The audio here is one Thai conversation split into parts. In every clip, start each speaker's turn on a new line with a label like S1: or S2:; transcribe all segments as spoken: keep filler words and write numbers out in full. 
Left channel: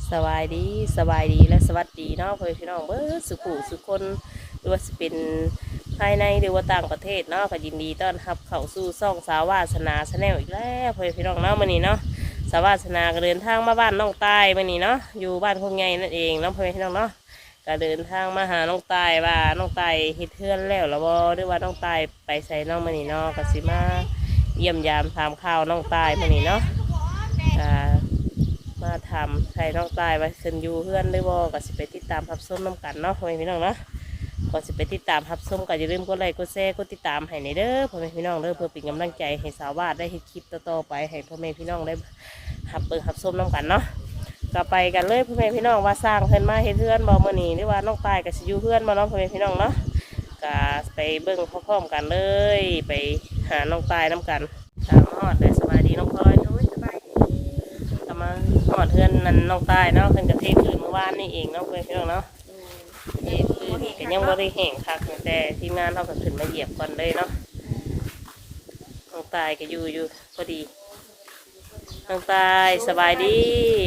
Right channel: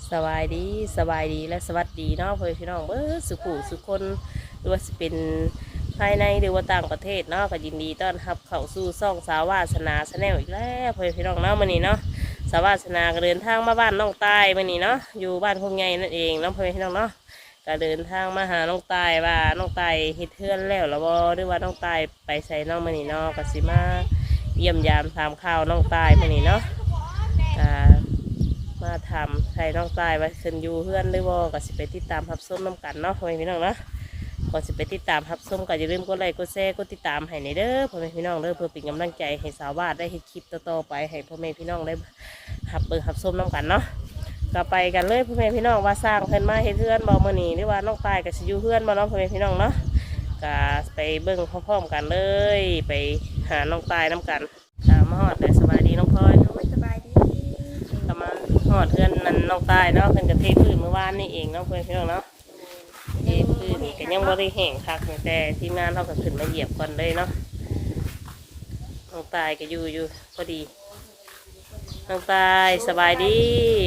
S1: สบายดีสบายดีและสวัสดีเนาะเพื่อนพี่น้องเบิดสุขุสุขคนหรือว่าจะเป็นภายในหรือว่าต่างประเทศเนาะก็ยินดีต้อนรับเข้าสู่ซ่องสาวาสนาชาแนลอีกแล้วเพื่อนพี่น้องเนาะมื้อนี้เนาะสาวาสนาก็เดินทางมาบ้านน้องตายมื้อนี้เนาะอยู่บ้านคงใหญ่นั่นเองเนาะเพื่อนพี่น้องเนาะก็เดินทางมาหาน้องตายว่าน้องตายเฮ็ดเทือนแล้วหรือว่าหรือว่าน้องตายไปใส่น้องมื้อนี้เนาะก็สิมาเยี่ยมยามถามข่าวน้องตายมื้อนี้เนาะอ่ามาทำใครน้องตายว่าขึ้นอยู่เพื่อนได้บ่ก็สิไปติดตามรับส้มน้ำกันเนาะพ่อแม่พี่น้องเนาะก่อนสิไปติดตามรับส้มก็อย่าลืมกดไลค์กดแชร์กดติดตามให้ในเด้อพ่อแม่พี่น้องเด้อเพื่อเป็นกำลังใจให้สาววาดได้เฮ็ดคลิปต่อๆไปให้พ่อแม่พี่น้องได้หับเบิ่งหับส้มน้ำกันเนาะก็ไปกันเลยพ่อแม่พี่น้องว่าสร้างเพิ่นมาเฮ็ดเพื่อนบ่มื้อนี้หรือว่าน้องตายก็สิอยู่เพื่อนบ่เนาะพ่อแม่พี่น้องเนาะก็ไปเบิ่งพร้อมๆกันเลยไปหาน้องตายน้ำกันตามฮอดเลยสบายดีน้องพลอยสบายดีทำมาหอดเพื่อนนั่นน้องตายเนาะเพิ่นกับเทพื้นเมื่อวานนี่เองเนาะเพื่อนพี่น้องเนาะเทพื้นก็ยังบ่ได้แห้งคักแต่ทีมงานเขาก็ขึ้นมาเหยียบก่อนเลยเนาะน้องตายก็อยู่อยู่พอดีน้องตายสบายดี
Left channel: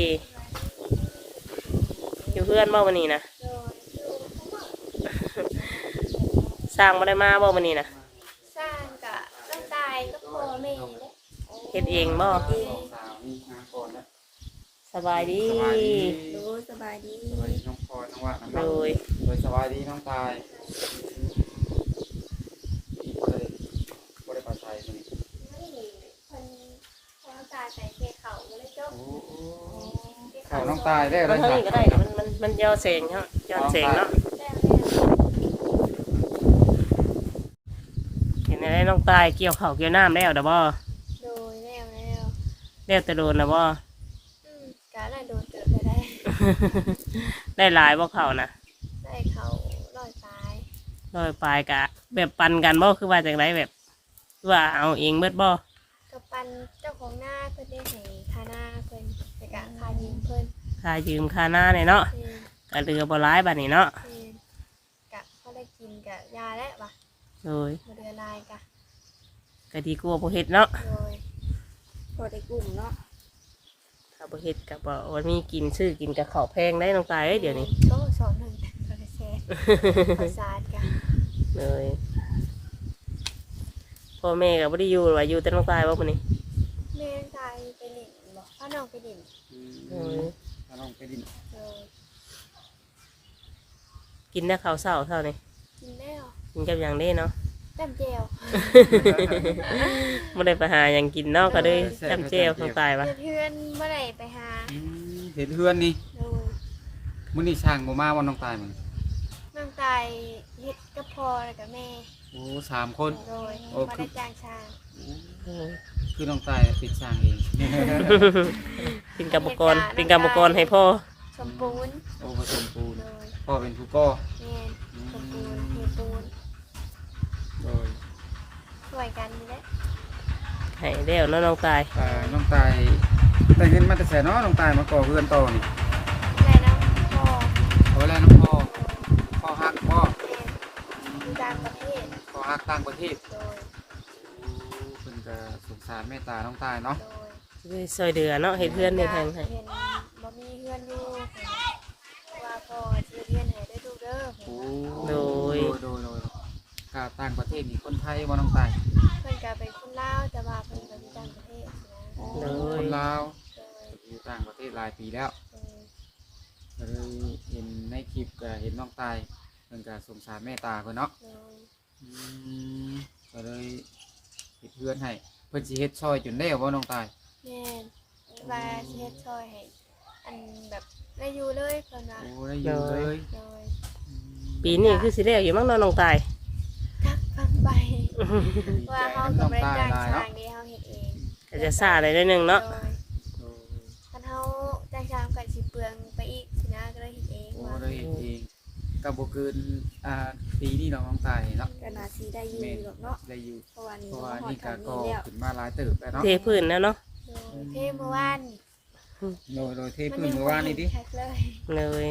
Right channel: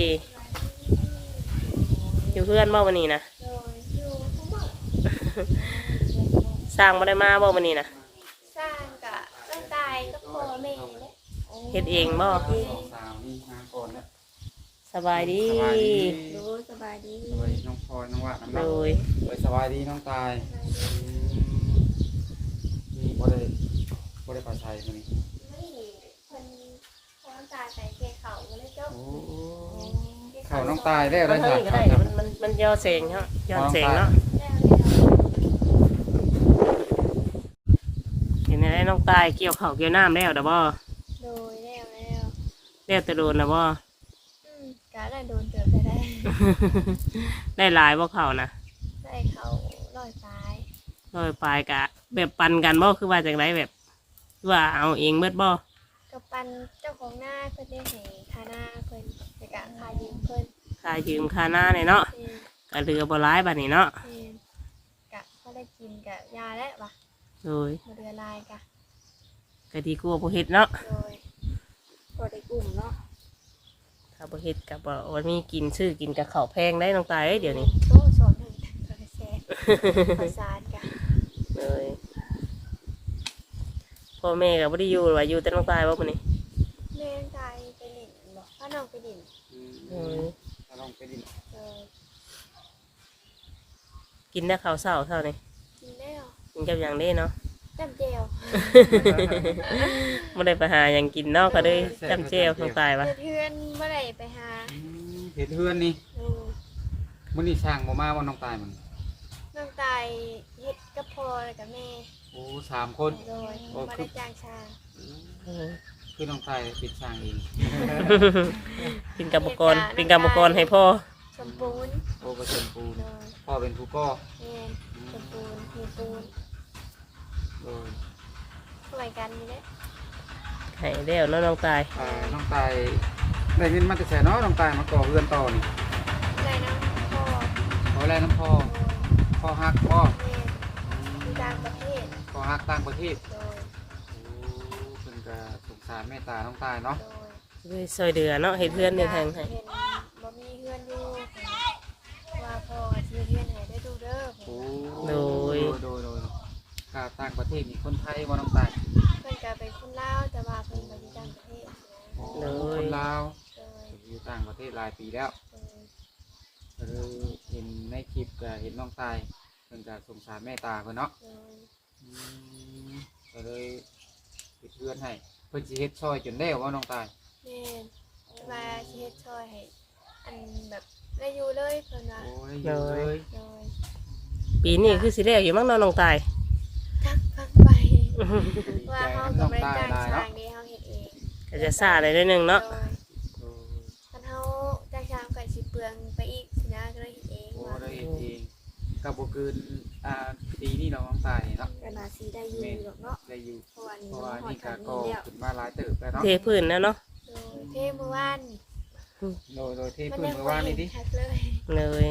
S1: อยู่เพื่อนบ่วันนี้นะสร้างบ่ได้มาบ่วันนี้นะ
S2: สร้างกับน้องตายก็พ่อแม่เลย
S1: เฮ็ดเองบ่สบายดี
S2: ดูสบายดี
S3: สบายดีน้องพรน้องว่าน้อง
S1: โดย
S3: โดยสบายดีน้องตายมีคนเลยคนเลยปลอดภัยคนนี้
S2: ไม่คนคนน้องตายใส่เกเขาเลยเจ้า
S3: เขาน้องตายได้
S1: มันเท่านี้ก็ได้มันมันมันย้อนแสงเนาะย้อนแสงเนาะเห็นอะไรน้องตายเกี่ยวเข่าเกี่ยวน้ำแล้วเด้อบ่
S2: โดยแล้วแล้ว
S1: แล้วแต่โดนนะบ่
S2: การได้โดนเกิดไปได้
S1: ได้หลายบ่เข่านะ
S2: ได้เขาลอยตาย
S1: ลอยปลายกะแบบปันกันบ่คือว่าจังไรแบบว่าเอาเองเบิดบ่
S2: กับปันเจ้าของหน้าเพิ่นได้ให้คาหน้าเพิ่นในการคายืมเพิ่น
S1: คายืมคาหน้าเนี่ยเนาะกะเรือบ่ร้ายบัดนี้เนาะ
S2: กะเขาได้กินกะยาแล้ววะ
S1: โดย
S2: บ่เดือลายกะ
S1: กะดีกลัวบ่เฮ็ดเนาะ
S2: โดยบ่ได้กลุ่มเนาะ
S1: ถ้าบ่เฮ็ดกับบ่วันมีกินซื้อกินกับข้าวแพงได้น้องตายเอ้ยเดี๋ยวนี้
S2: โซ่สอนหนึ่งกระแสภาษากัน
S1: เลยพ่อแม่ก็บ่ได้อยู่ว่าอยู่แต่น้องตายบ่มื้อนี้
S2: แม่ตายไปดินบ่พ่อน้องไปดิน
S1: โอ้ย
S3: พ่อน้องไปดิน
S2: โดย
S1: กินได้ข้าวเช้าเท่านี้
S2: กินแล้ว
S1: กินกับหยังได้เนาะ
S2: จำเจียว
S1: บ่ได้ไปหาหยังกินเนาะก็เลยจำเจียวน้องตายว่ะ
S2: เพื่อนเมื่อไหร่ไปหา
S3: เห็นเพื่อนนี่มื้อนี้ช่างบ่มาวันน้องตายมัน
S2: น้องตายเฮ็ดกับพ่อแล้วกับแม่
S3: โอ้สามคน
S2: โดยมาได้จ้างช่าง
S3: คือน้องตายปิดช่างเอง
S1: เป็นกรรมกรเป็นกรรมกรให้พ่อ
S2: สมปูน
S3: โอ้ผสมปูนพ่อเป็นผู้ก่อ
S2: แม่สมปูนเทปูน
S3: โดย
S2: ช่วยกันนี่แหละ
S1: ให้เดี๋ยวน้องตาย
S3: น้องตายได้เงินมาแต่แสนเนาะน้องตายมาก่อเรือนต่อนี่
S2: ได้น้องพ่อ
S3: โอ้แล้วน้องพ่อพ่อฮักพ่อ
S2: ต่างประเทศ
S3: พ่อฮักต่างประเทศ
S2: โดย
S3: เพิ่นก็สงสารเมตตาน้องตายเนาะ
S1: โดยซอยเดือเนาะเฮ็ดเพื่อนในทางให้
S2: เห็นบ่มีเพื่อนอยู่ว่าพ่อเฮ็ดเพื่อนให้ได้ดูเด้อ
S1: โดย
S3: โดยโดยครับต่างประเทศมีคนไทยบ่น้องตาย
S2: เพิ่นก็เป็นคนลาวแต่ว่าเพิ่นบ่อยู่ต่างประเทศ
S1: นะโดย
S3: คนลาวอยู่ต่างประเทศหลายปีแล้วก็เลยเห็นในคลิปก็เห็นน้องตายเพิ่นก็สงสารแม่ตาเพิ่นเนาะก็เลยเฮ็ดเพื่อนให้เพิ่นสิเฮ็ดซอยจนแล้วบ่น้องตาย
S2: แม่นว่าสิเฮ็ดซอยให้อันแบบได้อยู่เลยเพิ่นว่า
S3: โอ้ได้อยู่เลย
S1: ปีนี้คือสิแล้วอยู่มั้งน้องตาย
S2: ทักฟังไปว่าเฮาก็บ่ได้จ้างช่างเด้เฮาเฮ็ดเอง
S1: ก็จะซ่าได้นิดนึงเนาะ
S2: คันเฮาจ้างช่างก็สิเปลืองไปอีกสินะก็เลยเฮ็ดเองว่า
S3: ได้เฮ็ดเองก็บ่เกินอ่าปีนี้น้องตายเนาะ
S2: ก็น่าสิได้อยู่หรอกเนาะ
S3: ได้อยู่เพราะว่านี่ก็ก็ขึ้นมาหลายเติบแล้วเนาะ
S1: เทพื้นแล้วเนาะ
S2: เทเมื่อวาน
S3: โดยโดยเทพื้นเมื่อวานนี่ดิ
S1: เลย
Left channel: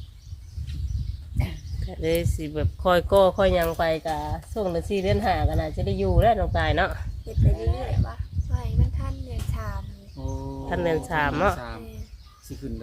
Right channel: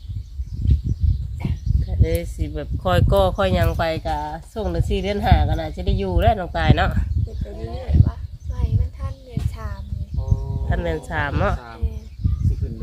S1: ก็เลยสิแบบคอยก็คอยยังไปกับส่งหนึ่งสี่เดือนหากันนะจะได้อยู่แล้วน้องตายเนาะ
S2: เฮ็ดไปเรื่อยๆว่าไว้มันทันเดือนสาม
S1: ท่านเดือนสามเนาะ
S3: สิขึ้นเดือน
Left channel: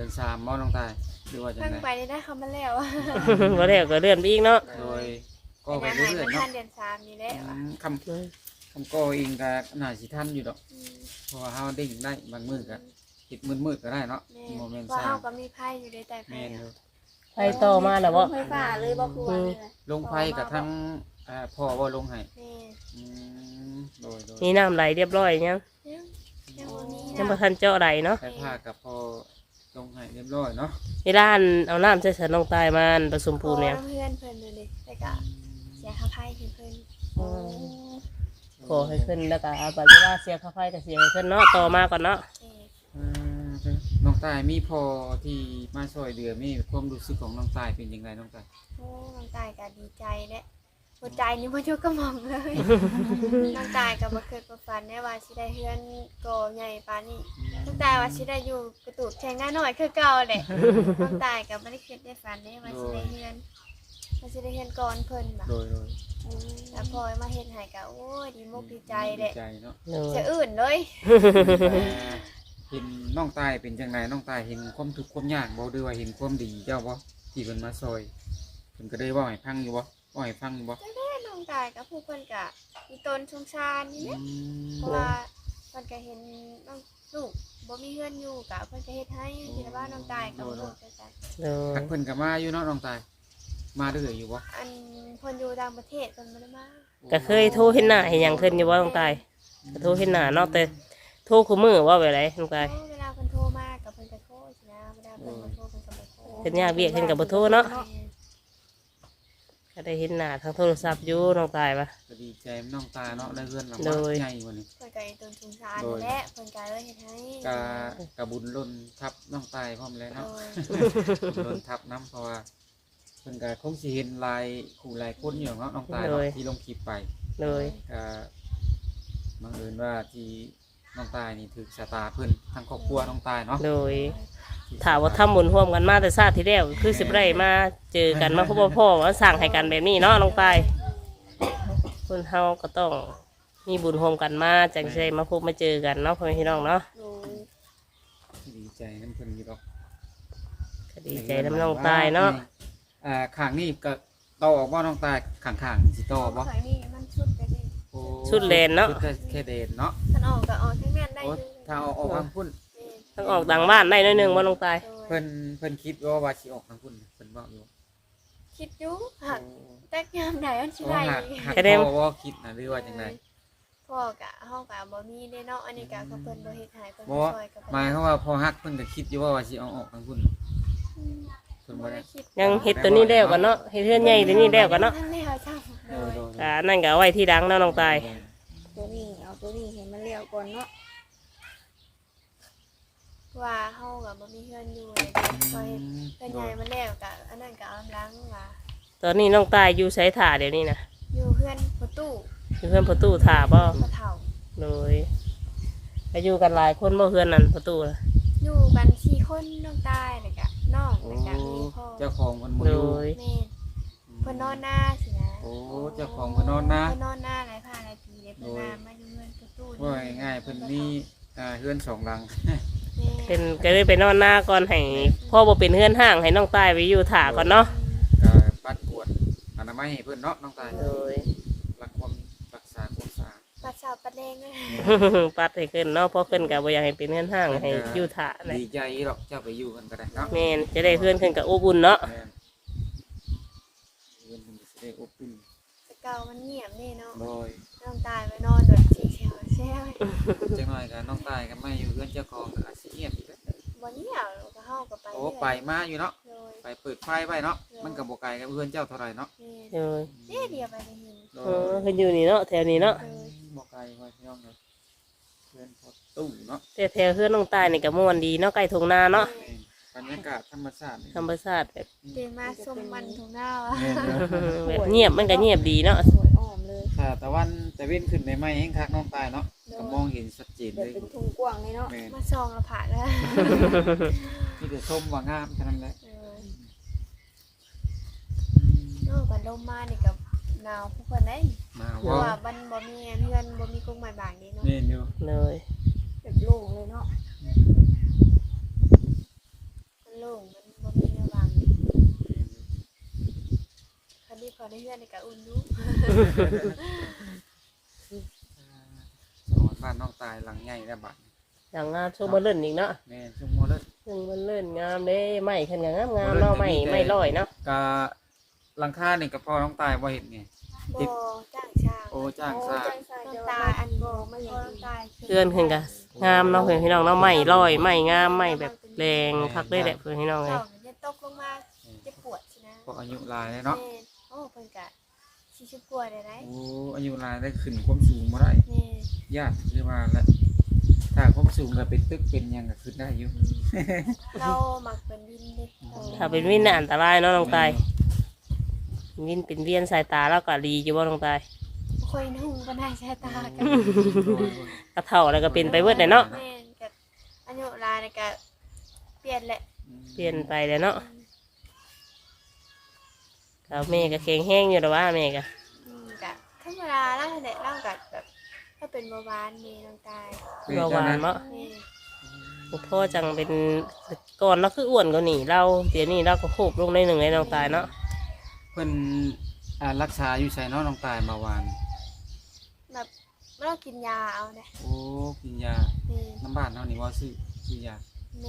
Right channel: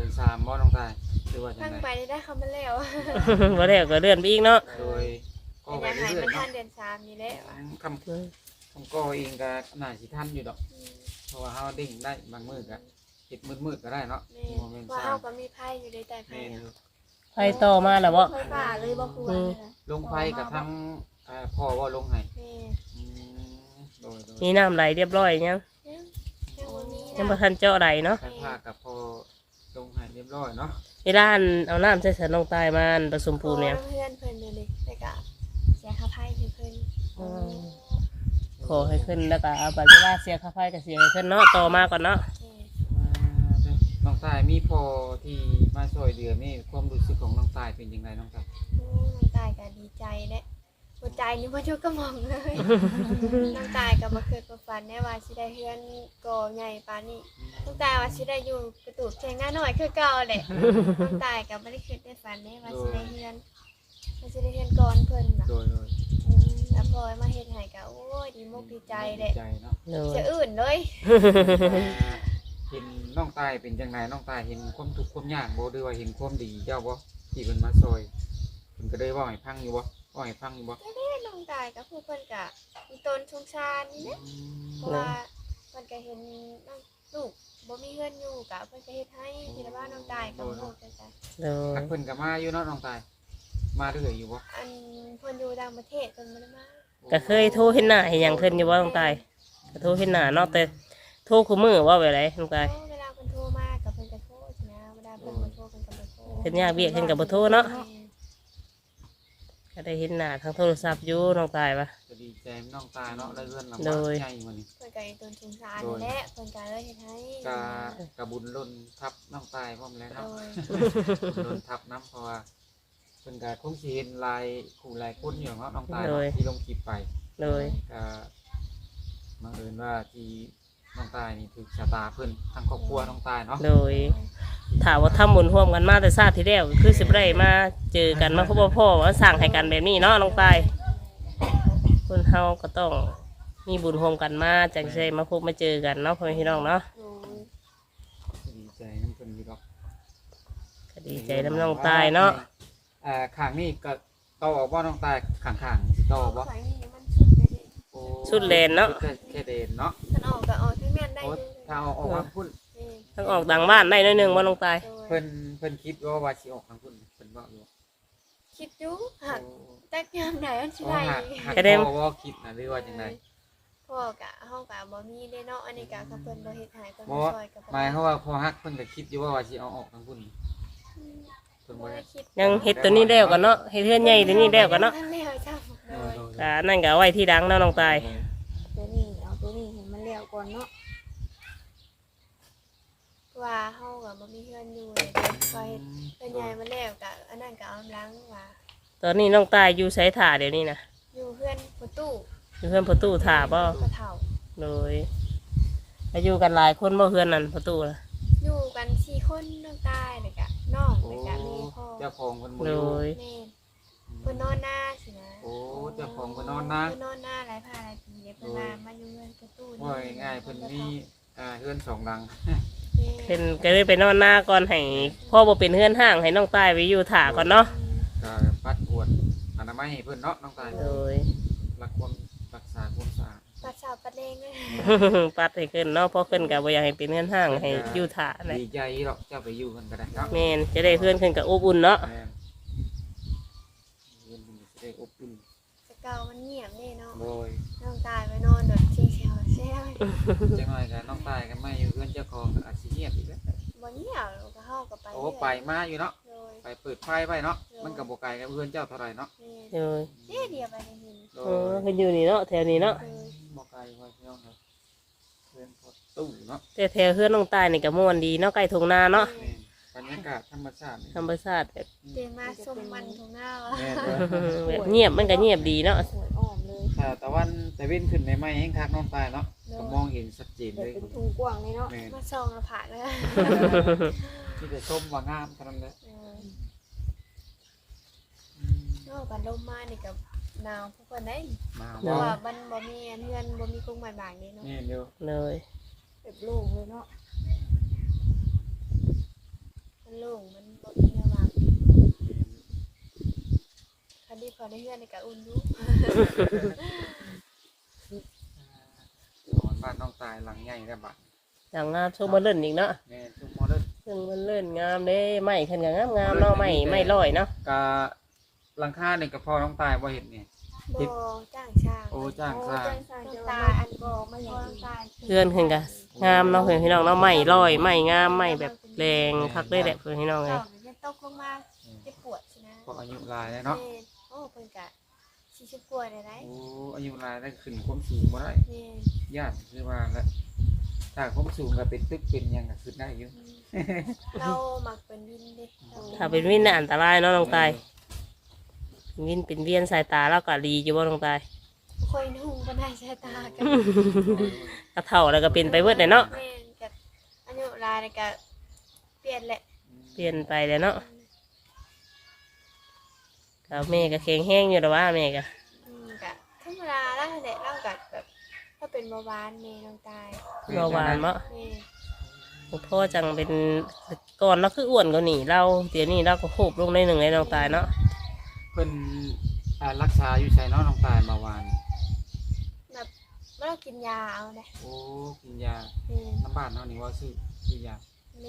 S3: อนสามบ่น้องตายหรือว่าจัง
S2: ฟัง
S3: ได๋
S2: ไปได้ได้เขามาแล้ว
S1: บ่แล้วก็เลื่อนไปอีกเนาะ
S3: โดยก็
S2: เป็น
S3: ไป
S2: อาหาร
S3: เรื่อ
S2: มั
S3: ย
S2: น
S3: ๆ
S2: ทั
S3: เนาะ
S2: นเดือนสามนี่แหละว่ะ
S3: คำคำก็เองก็น่าสิทันอยู่ดอก
S2: อืม
S3: เพราะว่าเฮาเด้งได้บางมื้อก็เฮ็ดมืดๆก็ได้เนาะ
S2: แม่
S3: บ่แม่น
S2: ว่า
S3: ซ่า
S2: เฮาก็มีไพ่อยู่ในแต่ไพ่
S3: แม่นอ
S2: อะ
S3: ยู่
S1: ไปต่อมาแล้วบ่
S4: ไฟฟ้าเลยบ่คือว่าเนี่ยนะ
S3: ลงไฟกับทั้งอ่าพ่อว่าลงให้
S2: แม่
S3: อืมโดยโดย
S1: มีน้ำไหลเรียบร้อยยัง
S2: ยังยังบ่มี
S1: ยัง
S2: นะ
S1: บ่ทันเจาะไหลเนาะ
S3: ใช้ผ้ากับพ่อลงให้เรียบร้อยเนาะ
S1: เวลาอันเอาน้ำใส่สันน้องตายมาอันผสมปูนเนี่ย
S2: ขอเพื่อนเพิ่นนั่นนี่แต่ก็เสียค่าไพ่ให้เพิ่น
S1: อืมขอให้ขึ้นแล้วก็เอาบัตรเวลาเสียค่าไฟก็เสียให้ขึ้นเนาะต่อมาก่อนเนาะ
S2: แม่
S3: อืมน้องตายมีพ่อที่มาช่วยเดือมีความรู้สึกของน้องตายเป็นยังไงน้องตาย
S2: โอ้น้องตายก็ดีใจแหละหัวใจนี่บ่อยู่กระหม่อมเลย น้องตายก็บ่เคยประฝันได้ว่าสิได้เฮือนก่อใหญ่ปานนี้น้องตายว่าสิได้อยู่กระตูดแข่งงานน้อยคือเก่าแหละ น้องตายก็บ่ได้คิดได้ฝันได้ว่าสิได้เฮือนว่าสิได้เฮือนก่อนเพิ่นน่ะ
S3: โดยโดย
S2: อืมแล้วพอมาเฮ็ดให้ก็โอ้ยดีมุกดีใจแหละ
S3: ดีใจเนาะ
S1: โดย
S2: จะอื่นเลย
S3: เห็นน้องตายเป็นจังไงน้องตายเห็นความทุกข์ความยากบ่หรือว่าเห็นความดีเจ้าบ่ที่เพิ่นมาช่วยเพิ่นก็ได้เว้าให้ฟังอยู่บ่เว้าให้ฟังอยู่บ่
S2: ก็ได้น้องตายกับผู้เพิ่นก็มีตนสงสารนี่แหละ
S3: อืม
S2: เพราะว่าเพิ่นก็เห็นน้องลูกบ่มีเฮือนอยู่ก็เพิ่นก็เฮ็ดให้ที่ว่าน้องตายก็บ่ฮู้จักจัง
S1: โดย
S3: ทักเพิ่นก็มาอยู่เนาะน้องตายมาเรื่อยอยู่บ่
S2: อันเพิ่นอยู่ต่างประเทศเพิ่นบ่ได้มา
S1: ก็เคยโทรเห็นหน้าเห็นหยังขึ้นอยู่ว่าน้องตายก็โทรเห็นหน้าเนาะแต่โทรคู่มือว่าไปไรน้องตาย
S2: เวลาเพิ่นโทรมาก็เพิ่นก็โทรสินะเวลาเพิ่นมาโทรเพิ่นก็บ่โทร
S1: เพิ่นยากเวียกเพิ่นก็บ่โทรเนาะ
S2: แม่
S1: ก็ได้เห็นหน้าทางโทรศัพท์อยู่น้องตายปะ
S3: ก็ดีใจน้องตาเนาะได้เพื่อนเรา
S1: โดย
S3: ใหญ่กว่านี้
S2: เพิ่นก็มีตนสงสารนี่แหละเพิ่นก็เลยเฮ็ดให้
S3: กะกะบุญรุ่นทับน้องตายพร้อมแล้ว
S2: โด
S3: เนาะ
S2: ย
S3: บุญรุ่นทับน้ำเพราะว่าเพิ่นกะคงสิเห็นลายคู่ลายคนอยู่เนาะน้องตายเนาะที่ลงคลิปไป
S1: โดย
S3: กะบังเอิญว่าที่น้องตายนี่ถูกชะตาเพิ่นทั้งครอบครัวน้องตายเนาะ
S1: โดยถามว่าทำบุญร่วมกันมาแต่ชาติที่แล้วคือสิบไรมาเจอกันมาพบว่าพ่อมาสั่งให้กันแบบนี้เนาะน้องตายคนเฮาก็ต้องมีบุญร่วมกันมาจังใจมาพบมาเจอกันเนาะพ่อแม่พี่น้องเนาะ
S4: โอ้ย
S3: ดีใจน้ำเพิ่นอยู่ดอก
S1: ก็ดีใจน้ำน้องตายเนาะ
S3: อ่าข้างนี้ก็โตออกบ่น้องตายข้างๆสิโตบ่
S2: ข่อยนี่มันชุดไปดิ
S3: โอ้
S1: ชุดเลนเนาะ
S3: ชุดแค่เดนเนาะ
S2: มันออกก็ออกทั้งนั้นได้อ
S3: โอ้
S2: ยู่
S3: ถ้าเอาออกทางพุ่น
S2: แม่น
S1: ทั้งออกต่างบ้านได้น้อยหนึงว่าน้องตาย
S2: โดย
S3: เพิ่นเพิ่นคิดว่าว่าสิออกทางพุ่นเพิ่นว่าอยู่
S2: คิดอยู่หักแต่ยามใดอันสิ
S3: โอ้
S2: ได้
S3: หัก
S2: อีก
S3: หัก
S1: แสดง
S3: พ่อว่าคิดนะหรือว่าจังได
S2: พ่อกะเฮากะบ่มีเด้เนาะอันนี้กะเขาเพิ่นบ่เฮ็ดให้เพิ่น
S3: บ่
S2: บ่ช่วยกับ
S3: หมายความว่าพอฮักเพิ่นก็คิดอยู่ว่าว่าสิเอาออกทางพุ่นเพิ่น
S2: บ่
S3: บ่ได้
S2: ได้คิด
S1: ยังเฮ็ดตัวนี้แล้วกันเนาะเฮ็ดเฮือนใหญ่ตัวนี้แล้วกันเนาะ
S2: ทันแล้วจ้ะโดย
S1: ก็นั่นก็เอาไว้ที่ดังเนาะน้องตาย
S4: ตัวนี้เอาตัวนี้ให้มันเลี้ยวก่อนเนาะ
S2: ว่าเฮาก็บ่มีเฮือนอยู่เลยเด้พอเฮ็ดเฮือนใหญ่มาแล้วกะอันนั้นก็เอากำลังว่า
S1: ตอนนี้น้องตายอยู่ไสถ่าเดี๋ยวนี้นะ
S2: อยู่เฮือนประตู
S1: อยู่เพื่อนประตูถ่าบ่
S2: กระเฒ่า
S1: โดยอายุกันหลายคนบ่เพื่อนนั่นประตูน่ะ
S2: อยู่กันสี่คนน้องตายแล้วก็น้องแล้วก็มีพ่อ
S3: เจ้าของเพิ่นบ่
S1: โด
S3: อยู่
S1: ย
S2: แม่นเพิ่นนอนหน้าสินะ
S3: โอ้เจ้าของเพิ่นนอนนะ
S2: เพิ่นนอนหน้าหลายพาหลายปีเด้เพิ่นมามาอยู่เฮือนประตู
S3: ว่าง่ายๆเพิ่นมีอ่าเฮือนสองหลัง
S2: แม่
S1: เป็นก็เลยไปนอนหน้าก่อนให้พ่อบ่เป็นเฮือนห้างให้น้องตายไปอยู่ถ่าก่อนเนาะ
S3: ก็ปัดกวดอนามัยให้เพิ่นเนาะน้องตาย
S1: โดย
S3: รักความรักษาความสะอาด
S2: ปัดสาวปัดแดงด้วย
S1: ปัดให้ขึ้นเนาะเพอขึ้นก็บ่อยากให้เป็นเฮือนห้างให้อยู่ถ่าแหละ
S3: ดีใจหรอกเจ้าไปอยู่กันก็ได้เนาะ
S1: แม่นจะได้เฮือนขึ้นกับอบอุ่นเนาะ
S3: แม่นเฮือนมันจะได้อบอุ่น
S2: แต่เก่ามันเงียบนี่เนาะ
S3: โดย
S2: น้องตายไปนอนโดดเชียงเชียวแซ่บ
S3: จังหน่อยก็น้องตายก็มาอยู่เฮือนเจ้าของก็อาจสิเงียบอีกแล้ว
S2: บ่เงียบเราก็เฮาก็ไป
S3: โอ้ไปมาอยู่เนาะ
S2: โดย
S3: ไปเปิดไฟไว้เนาะมันก็บ่ไกลกับเฮือนเจ้าเท่าไหร่เนาะ
S2: แม่
S1: โดย
S2: เอ๊ะเดียวไปได้ยิน
S3: โด
S1: เออย เพิ่นอยู่นี่เนาะแถวนี้เนาะ
S2: โดย
S3: บ่ไกลไว้พี่น้องครับเฮือนพอตู้เนาะ
S1: แต่แถวเฮือนน้องตายนี่ก็ม่วนดีเนาะใกล้ทุ่งนาเนาะ
S3: แม่นบรรยากาศธรรมชาตินี่
S1: ธรรมชาติแบบ
S2: เดินมาส้มมันทงหน้าวะ
S3: แม่นเนาะ
S1: แบบเงียบมันก็เงียบดีเนาะ
S4: สวยอ้อมเลย
S3: ถ้าตะวันตะเว้นขึ้นในไม้แห้งคักน้องตายเนาะก็มองเห็นชัดเจน
S4: เดี๋ย
S3: เล
S4: วย เป็นทุ่งกว้างเลยเนาะ
S3: แม่น
S2: มาซองละผ่านแล้ว
S3: ที่จะชมว่างามเท่านั้นแหละ
S2: เออโอ้บัดลมมานี่กับหนาวพวกเพิ่นได้
S3: มา
S2: เพราะ
S3: ว่า
S2: ว่ามันบ่มีเพื่อนบ่มีกรงไม้บางนี่เนาะ
S3: แม่นอยู่
S1: เลย
S4: แบบโล่งเลยเนาะ
S2: เขาได้เฮือนในกะอุ่นอยู่
S3: บ้านน้องตายหลังใหญ่แล้วบัด
S1: อย่างงามช่วงมาเล่นอีกเนาะ
S3: แม่ชุมโมเดิร์น
S1: ช่วงมาเล่นงามเด้ไม้ขันงามงามเนาะไม้ไม้ลอยเนาะ
S3: กะหลังคาเนี่ยกับพ่อน้องตายบ่เห็นไง
S2: บ่จ้างช่าง
S3: โอ้จ้าง
S4: โอ้
S3: ซา
S4: ใจใส่
S2: น้อง
S4: เดี๋ยว
S2: ตา
S4: ว่า
S2: อัน
S4: บ่
S2: บ่
S4: มา
S2: มา
S4: อ
S2: อย่
S4: า
S2: ย่าง ง
S4: อื่น
S2: ตาย
S1: เพื่อนขึ้นกะงามเนาะเพื่อนพี่น้องเนาะไม้ลอยไม้งามไม้แบบแรงคักได้แหละเพื่อนพี่น้องเลย
S2: เจ้าเนี่ยตกลงมาเจ็บปวดใช่นะ
S3: ก็อายุหลายแล้วเนาะ
S2: แม่โอ้เพิ่นกะสี่สิบกว่าได้ไร
S3: โอ้อายุหลายได้ขึ้นความสูงมาได้
S2: แม่
S3: ญาติเรียกว่าแล้วถ้าความสูงก็เป็นตึกเป็นหยังก็ขึ้นได้อยู่
S2: เราหมักเป็นวินเด้เรา
S1: ถ้าเป็นวินน่ะอันตรายเนาะน้องตายวินเป็นเวียนสายตาแล้วก็ดีอยู่บ่น้องตาย
S2: บ่ค่อยนุ่งปานใดสายตากัน
S1: กระเท่าแล้วก็เป็นไปเบิดเลยเนาะ
S2: แม่นกับอายุหลายนี่ก็เปลี่ยนแหละ
S1: เปลี่ยนไปเลยเนาะก็แม่ก็แข็งแห้งอยู่แต่ว่าแม่ก็
S2: อืมกะธรรมดาแล้วแหละเราก็แบบถ้าเป็นเบาหวานแม่น้องตาย
S1: เบาหวานเนาะ
S2: แม่
S1: พ่อจังเป็นก่อนเราคืออ้วนกว่านี่เราเดี๋ยวนี้เราก็โคบลงในหนึ่งในน้องตายเนาะ
S3: เพิ่นอ่ารักษาอยู่ใส่เนาะน้องตายเบาหวาน
S2: แบบเรากินยาเอาเด้
S3: โอ้กินยา
S2: แม่
S3: น้ำบ้านเฮานี่ว่าซื้อซื้อยา
S2: แม่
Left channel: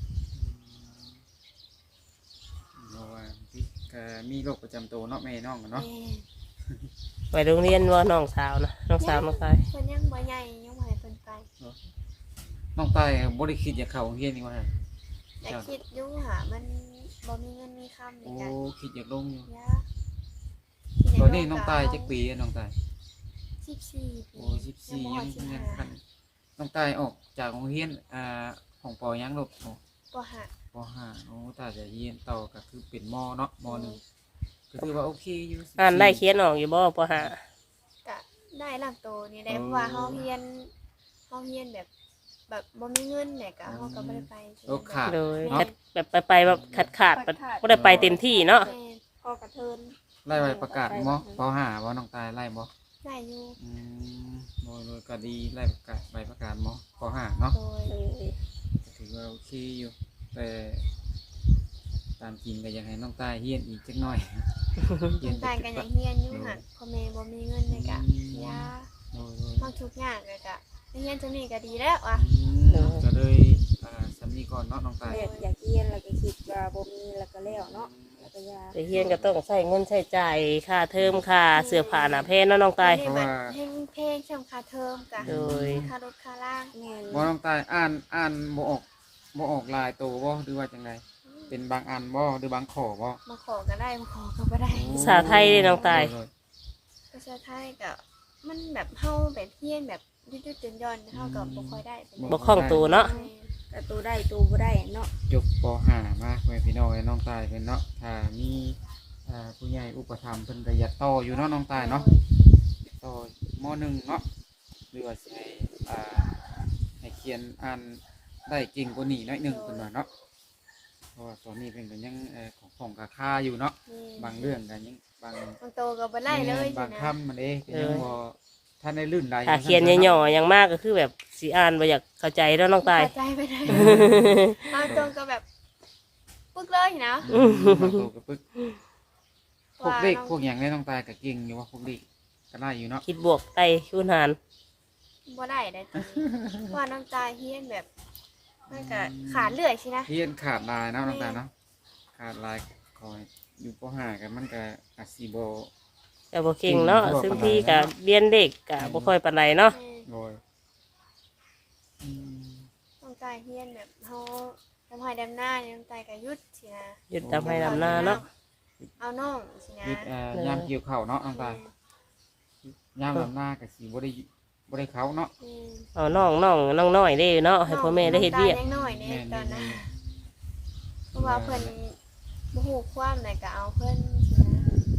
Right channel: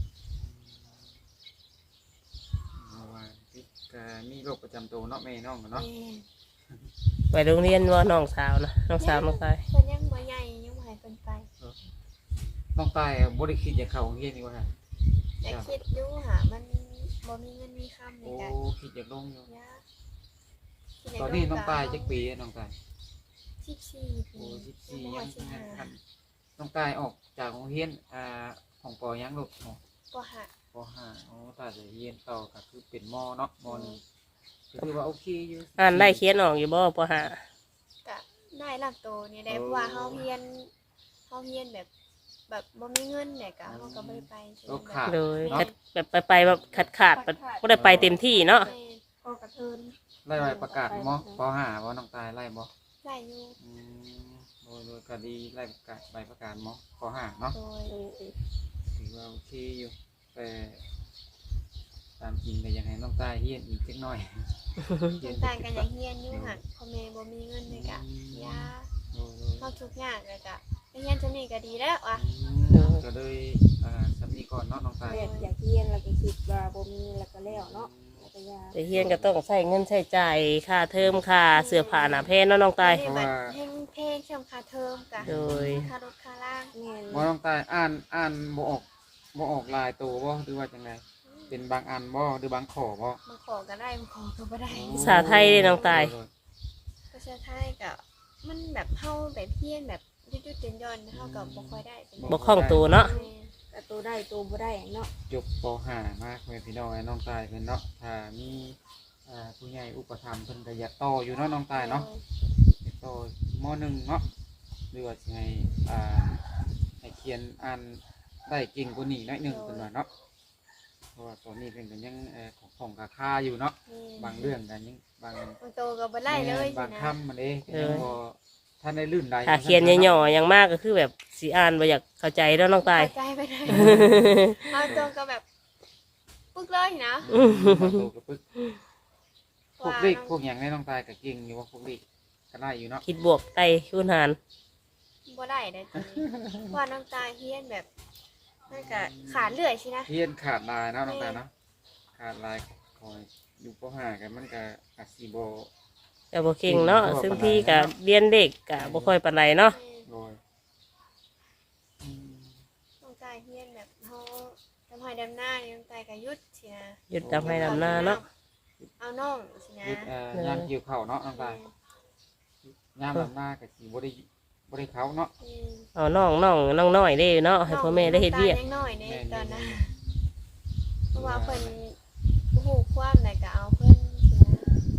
S3: เบาหวานที่ก็มีโรคประจำตัวเนาะแม่น้องกัน
S2: แม่
S3: เนาะ
S1: ไปโรงเรียนว่าน้องสาวนะน้องสาวน้องตาย
S2: เพิ่นยังบ่ใหญ่ยังบ่ให้เพิ่นไป
S3: น้องตายบ่ได้คิดอยากเข้าโรงเรียนนี่ว่า
S2: อยากคิดอยู่หามันบ่มีเงินมีคำใน
S3: โอ้
S2: การ
S3: คิดอยากลงอยู่
S2: ยาคิด
S3: ตอนนี้
S2: ให้
S3: น้องตาย
S2: ก็
S3: จักปีแล้วน้องตาย
S2: สิบสี่ปี
S3: โอ้สิบสี่
S2: ยั
S3: ยัง ง
S2: บ่ฮอดสิบ
S3: ยัง
S2: ห้า
S3: ทันน้องตายออกจากโรงเรียนอ่าของปอยังลูกอ๋อ
S2: บ่หา
S3: ปห้าโอ้ตาจะเรียนต่อก็คือเป็นมเนาะมหนึ่งก็คือว่าโอเคอยู่
S1: อ่านได้เขียนออกอยู่บ่ปหา
S2: ก็ได้ลำโตนี่ได้เพราะว่าเฮาเรียนเฮาเรียนแบบ แบบบ่มีเงินเนี่ยก็เฮาก็บ่ได้ไปใช่ไหม
S3: โอ้ขาด
S1: โดย
S2: แม่
S1: แบบไปไปแบบขาดขาดๆก็ได้ไปเต็มที่เนาะ
S2: แม่
S4: ออกกระเทิน
S3: ไล่ใบประกาศมปห้าว่าน้องตายไล่บ่
S2: ได้อยู่
S3: อืมโดยโดยก็ดีไล่ประกาศใบประกาศมปห้าเนาะ
S2: โดย
S4: เออ
S3: ถือว่าโอเคอยู่แต่ตามจริงก็อยากให้น้องตายเฮียนอีกจักหน่อยเฮีย
S2: น้องตายก็อยากเรียนอยู่หักพ่อแม่บ่มีเงินเลยก็ยา
S3: โดยโดย
S2: เฮาทุกอย่างเลยก็เรียนจังนี้ก็ดีแล้วอ่ะ
S3: อืมก็เลยอ่าสามีก่อนเนาะน้องตาย
S4: อยากอยากเรียนแล้วก็คิดว่าบ่มีแล้วก็แล้วเนาะแล้วก็ยา
S1: แต่เฮียนก็ต้องใช้เงินใช้จ่ายค่าเทอมค่าเสื้อผ้าหน้าแพนเนาะน้องตาย
S2: นี่บัดเพลงเพลงสำค่าเทอมก็
S1: โดย
S2: ค่ารถค่าล่าง
S4: แม่น
S3: บ่น้องตายอ่านอ่านบ่ออกบ่ออกลายตัวบ่หรือว่าจังไดเป็นบางอันบ่หรือบางข้อบ่
S2: มาขอก็ได้มาขอก็บ่ได้
S1: ภาษาไทยเด้น้องตาย
S2: ภาษาไทยก็มันแบบเฮาแบบเพี้ยนแบบยุดๆหย่อนๆเฮาก็บ่ค่อยได้เป็น
S1: บ่คล่องตัวเนาะ
S2: แม่
S4: ก็ตัวได้ตัวบ่ได้เนาะ
S3: จบปห้ามาไว้พี่น้องไว้น้องตายเป็นเนาะถ้ามีอ่าผู้ใหญ่อุปถัมภ์เพิ่นก็อยากต่ออยู่เนาะน้องตายเนาะอยากต่อมหนึ่งเนาะหรือว่าสิให้อ่าให้เขียนอ่านได้เก่งกว่านี้หน่อยหนึงเพิ่นว่าเนาะเพราะว่าตอนนี้เพิ่นก็ยังเอ่อของของกาคาอยู่เนาะ
S2: แม่
S3: บางเรื่องกันยังบาง
S2: บางโตก็บ่ได้เลย
S3: บา
S2: สิ
S3: ง
S2: นะ
S3: คำมันเองยังบ่ท่านได้ลื่นไหล
S1: ถ้าเขียนย่อๆอย่างมากก็คือแบบสีอ่านบ่อยากเข้าใจแล้วน้องตาย
S2: เข้าใจไปได้บางโตก็แบบปึ๊กเลยนะ
S3: ตัวกระปึกพวก
S2: ว่า
S3: เด็ก
S2: น้อง
S3: พวกอย่างได้น้องตายกับเก่งอยู่ว่าพวกเด็กก็ได้อยู่เนาะ
S1: คิดบวกไต่คูณหาร
S2: บ่ได้ได้จริงว่าน้องตาเฮียนแบบมันก็ขาดเลื่อยใช่นะ
S3: เฮียนขาดลายเนาะน้องตายเนาะขาดลายคอยอยู่ปห้ากันมันก็อาจสิบ่
S1: ก็บ่เก่งเนาะซึ่งพี่ก็เรียนเด็กก็บ่ค่อยปานใดเนาะ
S2: แม่
S3: โดยอืม
S2: น้องตาเฮียนแบบเฮาทำให้ดำหน้าเนี่ยน้องตาก็หยุดสินะ
S1: หยุดทำให้ดำหน้าเนาะ
S2: เอาน้องสินะ
S3: เฮ็ดเอ่อยามเกี่ยวข้าวเนาะน้องตายยามลำหน้าก็สิบ่ได้บ่ได้เข้าเนาะ
S2: แม่
S1: เอาน้องน้องน้องน้อยได้เนาะให้พ่อแม่ได้เฮ็ดเวียก
S2: น้องตายังน้อยใน
S3: แม่น
S2: ตอนนั้น
S3: แม่น
S2: เพราะว่าเพิ่นบ่ฮู้ความไหนก็เอาเพิ่นสินะ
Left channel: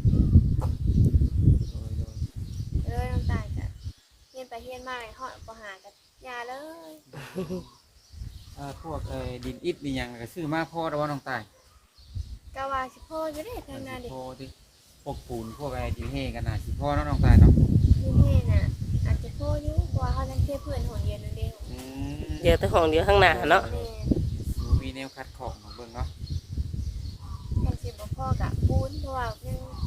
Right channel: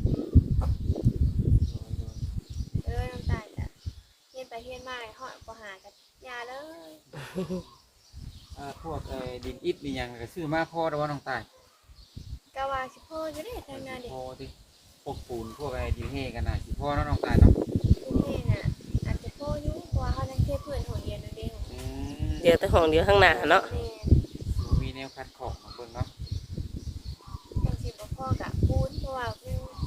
S3: โดยโดย
S2: เลยน้องตาก็เฮียนไปเฮียนมาฮอดบ่หาก็ยาเลย
S3: เอ่อพวกเอ่อดินอิฐนี่หยังก็ซื้อมาพอแล้วว่าน้องตาย
S2: ก็ว่าสิพ่ออยู่เด้ทางนั้นดิ
S3: พอที่พวกปูนพวกอะไรที่เฮกันน่ะสิพ่อเนาะน้องตายเนาะ
S2: ที่เฮ็ดน่ะอาจจะพ่ออยู่เพราะว่าเฮาจังเทพื้นหนเดียวนั่นเด้
S3: อืม
S1: เดี๋ยวแต่ของเดี๋ยวข้างหน้าเนาะ
S2: แม่น
S3: มีแนวคัดของของเบิ่งเนาะ
S2: จังสิบ่พ่อกับปูนเพราะว่ายังปูนขี้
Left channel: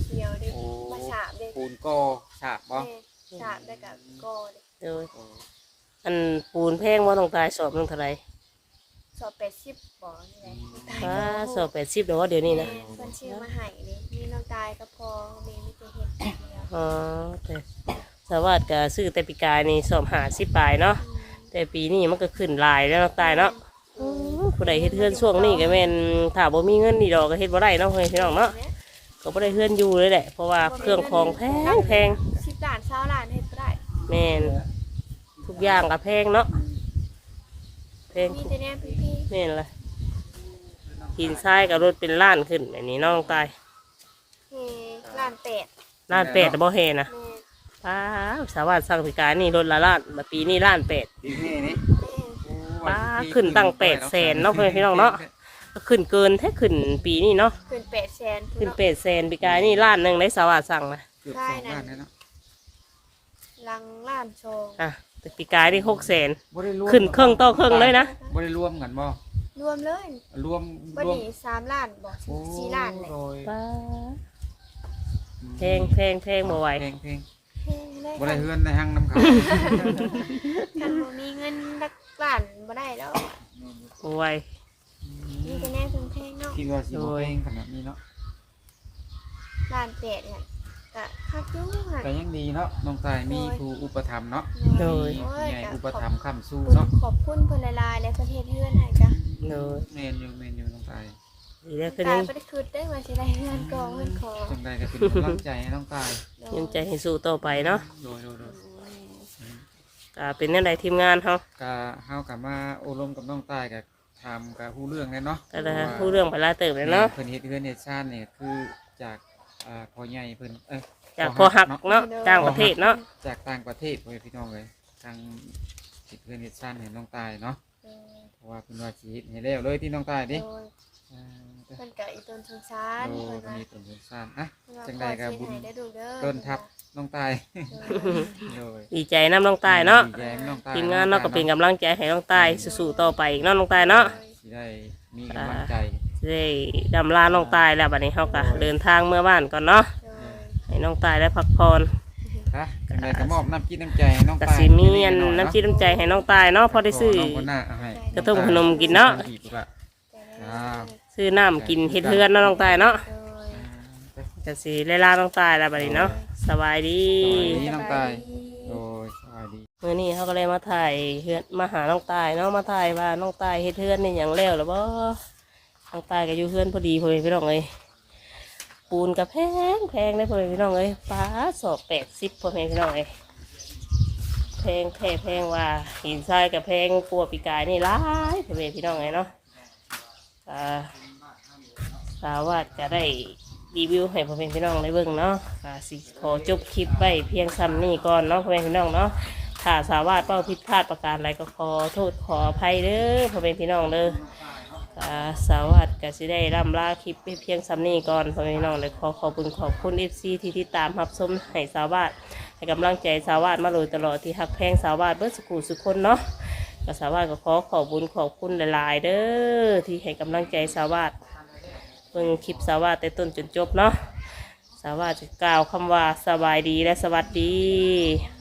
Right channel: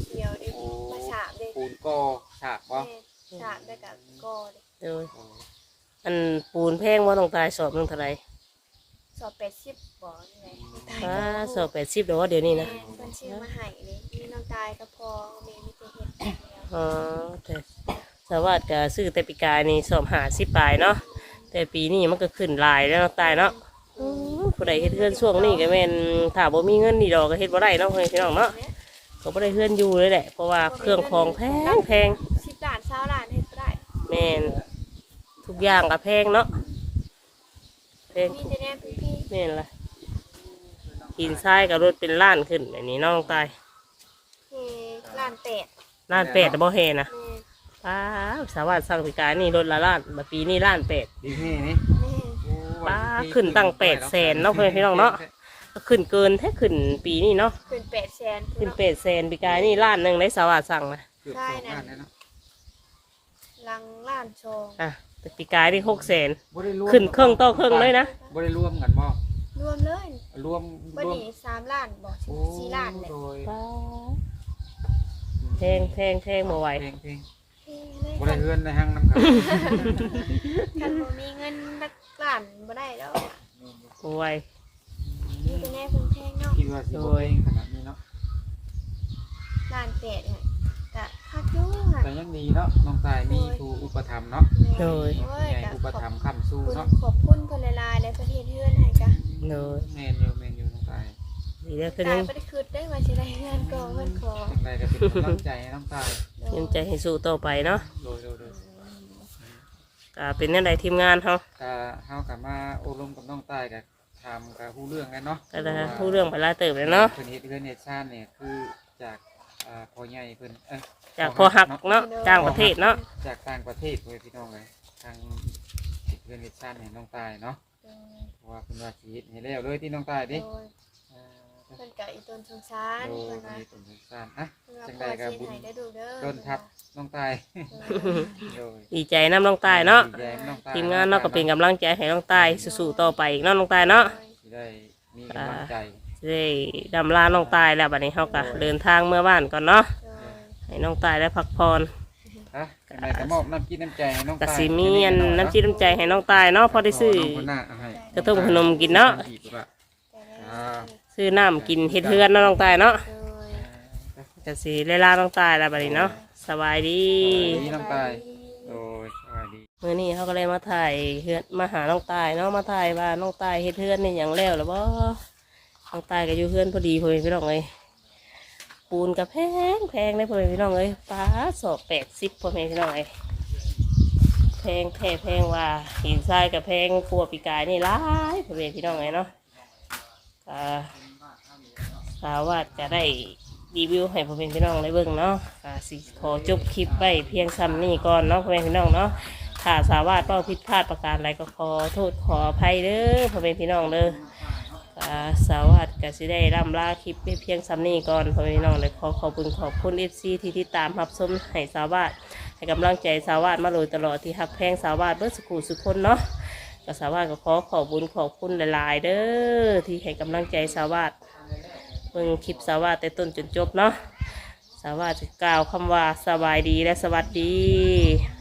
S2: เดียวเด้มาฉาบเด้
S3: ปูนก็ฉาบบ่
S2: แม่ฉาบได้กับก่อเด้
S1: โดยอันปูนแพงว่าต้องตายสอบหนึงเท่าไหร่
S2: สอบแปดสิบบ่นี่แหละน้องตาย
S1: ฟ้าสอบแปดสิบเดี๋ยวเดี๋ยวนี้นะ
S2: แม่เพิ่นชื่อมาให้นี่มีน้องตายก็พอแม่มีแต่เฮ็ดอย่างเดียว
S1: อ๋อแต่สวัสดิ์ก็ซื้อแต่ปีกายนี่สอบหาสิบปลายเนาะแต่ปีนี้มันก็ขึ้นหลายแล้วเนาะตายเนาะอืมผู้ใดเฮ็ดเฮือนช่วงนี้ก็แม่นถ้าบ่มีเงินนี่ดอกก็เฮ็ดบ่ได้เนาะเฮ้ยพี่น้องเนาะก็บ่ได้เฮือนอยู่เลยแหละเพราะว่าเครื่องของแพงแพง
S2: สิบล้านเช้าล้านเฮ็ดบ่ได้
S1: แม่นทุกอย่างก็แพงเนาะแพง
S2: มี
S1: ทุก
S2: แต่แน่พี่
S1: แม่นล่ะหินทรายกับรถเป็นล้านขึ้นแบบนี้น้องตาย
S2: ๆเฮล้านแปด
S1: ล้านแปดแต่บ่เฮนะ
S2: แม่
S1: ป้าสาวาสสั่งพิการนี่รถละล้านบัดปีนี้ล้านแปด
S3: ดีนี่นี่
S2: แม่
S1: ป้าขึ้นตั้งแปดแสนเนาะเพื่อนพี่น้องเนาะก็ขึ้นเกินแท้ขึ้นปีนี้เนาะ
S2: ขึ้นแปดแสน
S1: ขึ้นแปดแสนปีกายนี่ล้านหนึ่งได้สาวาสั่งนะ
S3: จุดสองด้านนะเนาะ
S2: ลังล้านชง
S1: อ่ะแต่ปีกายนี่หกแสน
S3: บ่ได้รวม
S1: ขึ้นเครื่องต่อเครื่องเลยนะ
S3: บ่ได้รวมกันบ่
S2: รวมเลย
S3: รวม
S2: วัน
S3: รวม
S2: นี้สามล้านบอก
S3: โอ้
S2: สี่ล้านเลย
S3: โดย
S1: ป้าแพงแพงแพงบ่ไหว
S3: เพลงเพลง
S2: เฮ้ได้
S3: บ่
S2: คั
S3: ได้
S2: น
S3: เฮือนในห้างน้ำขาว
S2: คันบ่มีเงินลักล้านบ่ได้แล้วอะ
S1: บ่ไหว
S2: มีแต่แน่เพิ่งแพงเนาะ
S3: คิดว่าสิบ่เพลงขนาดนี้เนาะ
S2: ล้านแปดเนี่ยกะคักอยู่ค่ะ
S3: แต่ยังดีเนาะน้องตายมีครูอุปถัมภ์เนาะ
S1: โดย
S2: โอ้ย
S3: ใหญ่
S2: กะ
S3: อุ
S2: ข
S3: ป
S2: อบ
S3: ถัมภ์ค้ำสู้
S2: คุณ
S3: เนาะ
S2: ขอบคุณเพิ่นหลายๆและประเทศเฮือนให้กะ
S1: โดย
S3: แมนอยู่แมนอยู่น้องตาย
S1: ดีแล้วคือ
S2: ตา
S1: ยั
S2: ย
S1: ง
S2: บ่ได้คิดได้ว่าสิได้เฮือนกองเฮือนขอ
S3: จังใดก็เป็นกำลังใจให้น้องตาย
S1: ยังใจให้สู้ต่อไปเนาะ
S3: โดยโดยโดย
S1: ก็เป็นแนั่นใดทีมงานเขา
S3: กะเฮากลับมาโอลมกับน้องตายกับทำกับฮู้เรื่องแล้วเนาะ
S1: ก็ได้พูดเรื่องไปหลายเติบเลยเนาะ
S3: เพิ่นเฮ็ดเฮือนเฮ็ดชาติเนี่ยคือจากเอ่อพ่อใหญ่เพิ่นเอ้ย
S1: จากพอหักเนาะจ้างประเทศเนาะ
S3: จากต่างประเทศเว้ยพี่น้องเอ้ยทางเฮ็ดเฮือนเฮ็ดชาติให้น้องตายเนาะ
S2: โดย
S3: เพราะว่าเพิ่นว่าสิเฮ็ดให้แล้วเลยที่น้องตาย
S2: โด
S3: ดิ
S2: ย
S3: อ่า
S2: เพิ่นกะอีต้นสงสาร
S3: โอ้
S2: เพิ่น
S3: เพิ่น
S2: ว่า
S3: มีต้นสงสารนะ
S2: เพิ่นว่า
S3: จัง
S2: พ
S3: ใด
S2: อ
S3: ก็
S2: สิ
S3: บุญ
S2: ให้ได้ดูเด้อ
S3: ต้นทับน้องตาย โดย
S1: ดีใจน้ำน้องตายเนาะ
S3: ดีใจน้องตย
S1: ทีมงานเนาะก็เป็นกำลังใจให้น้องตายสู้ๆต่อไปอีกเนาะน้องตายเนาะ
S3: สิได้มีกำลังใจ
S1: ได้ดำลาน้องตายแล้วบัดนี้เขาก็เดินทางเมื่อบ้านก่อนเนาะ
S2: โดย
S1: ให้น้องตายได้พักผ่อน
S3: ฮะจังใดก็มอบน้ำจิตน้ำใจให้น้อง
S1: ก
S3: ตาย
S1: สิมีอันน้ำจิตน้ำใจให้น้องตายเนาะพอได้ซื้อ
S3: น้งคนหน้าเอาให้
S1: กระตุ้มขนมกินเนาะ
S3: อีกละ
S2: แต่ได้
S3: อ่า
S1: ซื้อน้ำกินเฮ็ดเฮือนเนาะน้องตายเนาะ
S2: โดย
S1: ก็สิได้ลาน้องตายแล้วบัดนี้เนาะสบายดี
S3: ดีน้องตายโดยสวัสดี
S1: มื้อนี้เขาก็เลยมาถ่ายเฮือนมาหาน้องตายเนาะมาถ่ายว่าน้องตายเฮ็ดเฮือนนี่หยังแล้วหรือบ่น้องตายก็อยู่เฮือนพอดีพ่อแม่พี่น้องเอ้ยปูนก็แพงแพงเลยพ่อแม่พี่น้องเอ้ยฟ้าสอบแปดสิบพ่อแม่พี่น้องเอ้ยแพงแท้แพงว่าหินทรายกับแพงกลัวปีกายนี่หลายพ่อแม่พี่น้องเอ้ยเนาะก็สาวาสจะได้รีวิวให้พ่อแม่พี่น้องได้เบิ่งเนาะก็สิขอจบคลิปไว้เพียงซ้ำนี้ก่อนเนาะพ่อแม่พี่น้องเนาะถ้าสาวาสเป้าผิดพลาดประการใดก็ขอโทษขออภัยเด้อพ่อแม่พี่น้องเด้อก็สาวาสก็สิได้ร่ำลาคลิปไว้เพียงซ้ำนี้ก่อนพ่อแม่พี่น้องเลยขอขอบคุณขอบคุณเอฟซีที่ติดตามรับชมให้สาวาสให้กำลังใจสาวาสมาโดยตลอดที่ฮักแพงสาวาสเบิดสุขุสุขคนเนาะก็สาวาสก็ขอขอบคุณขอบคุณหลายๆเด้อที่ให้กำลังใจสาวาสเบิ่งคลิปสาวาสแต่ต้นจนจบเนาะสาวาสจะกล่าวคำว่าสบายดีและสวัสดี